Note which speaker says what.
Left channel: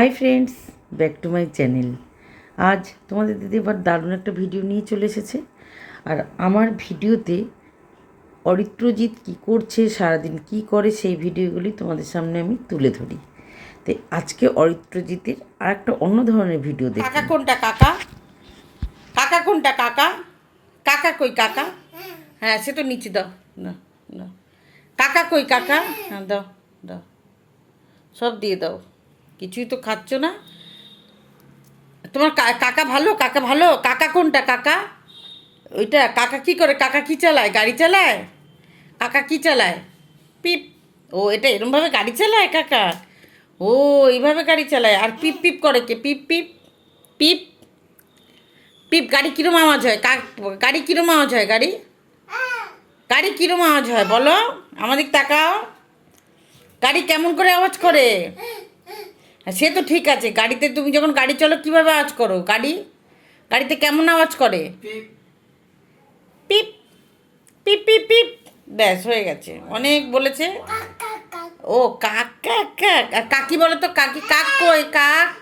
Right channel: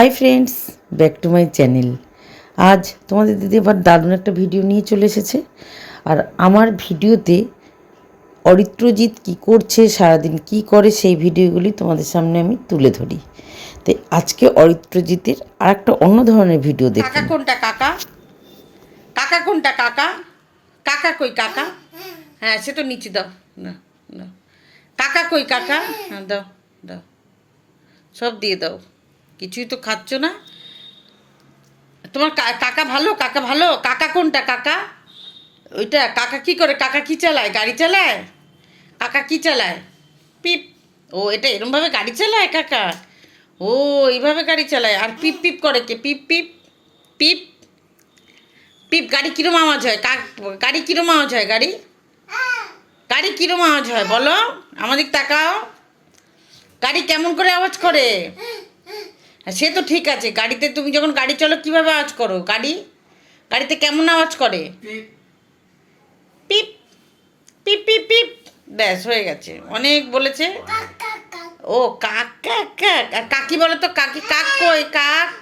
Speaker 1: Hi friends back to my channel আজ তোমাদের দিদি আবার দারুণ একটা ভিডিও নিয়ে চলে এসেছে। আর আমার ভিডিওতে অরিত্রজিৎ কী করছে, সারাদিন কি করে, সেই ভিডিওগুলি তোমাদের সামনে আমি তুলে ধরি। তো আজকে অরিত্রজিতের আর একটা অন্য ধরনের ভিডিও দেখি।
Speaker 2: কাকা কোনটা, কাকা? কাকা কোনটা, কাকা? কাকা কই, কাকা? হ্যাঁ সে তো নিচে, দাও। না দাও। কাকা কই, কাকা? হ্যাঁ দাও দাও। সব দিয়ে দাও। কিছুই তো খাচ্ছ না। তোমার কাকা ভালো? কাকা ভালো? কাকা কোনটা কাকা? ওইটা কাকা কি করে? কাকা কি চালায়? গাড়ি চালায়? কাকা কি চালায়? পিপ। ও, এটা এরমভাবে গাড়ি চালায় কাকা? ও, এইভাবে গাড়ি চালায়। আর পিপ পিপ করে কে? পিপ পিপ। পিপ। পিপ, গাড়ি কিরম আওয়াজ হয়? গাড়ি কিরম আওয়াজ হয় গাড়ি? গাড়ি কিরম আওয়াজ হয় বলো? আমাদের তাকাও। গাড়ি কেমন করে আওয়াজ করে? সে তো ঠিক আছে গাড়িতে তুমি যখন গাড়ি চলো কীভাবে আওয়াজ করো? গাড়ি? গাড়িতে কেমন আওয়াজ করে? পিপ। পিপ। পিপ পিপ ব্যাস হয়ে গেছে। অনেক বলেছে। ও কাক কাক কাক। আর কাকি বলো তো কাকি কাক কই? কাক?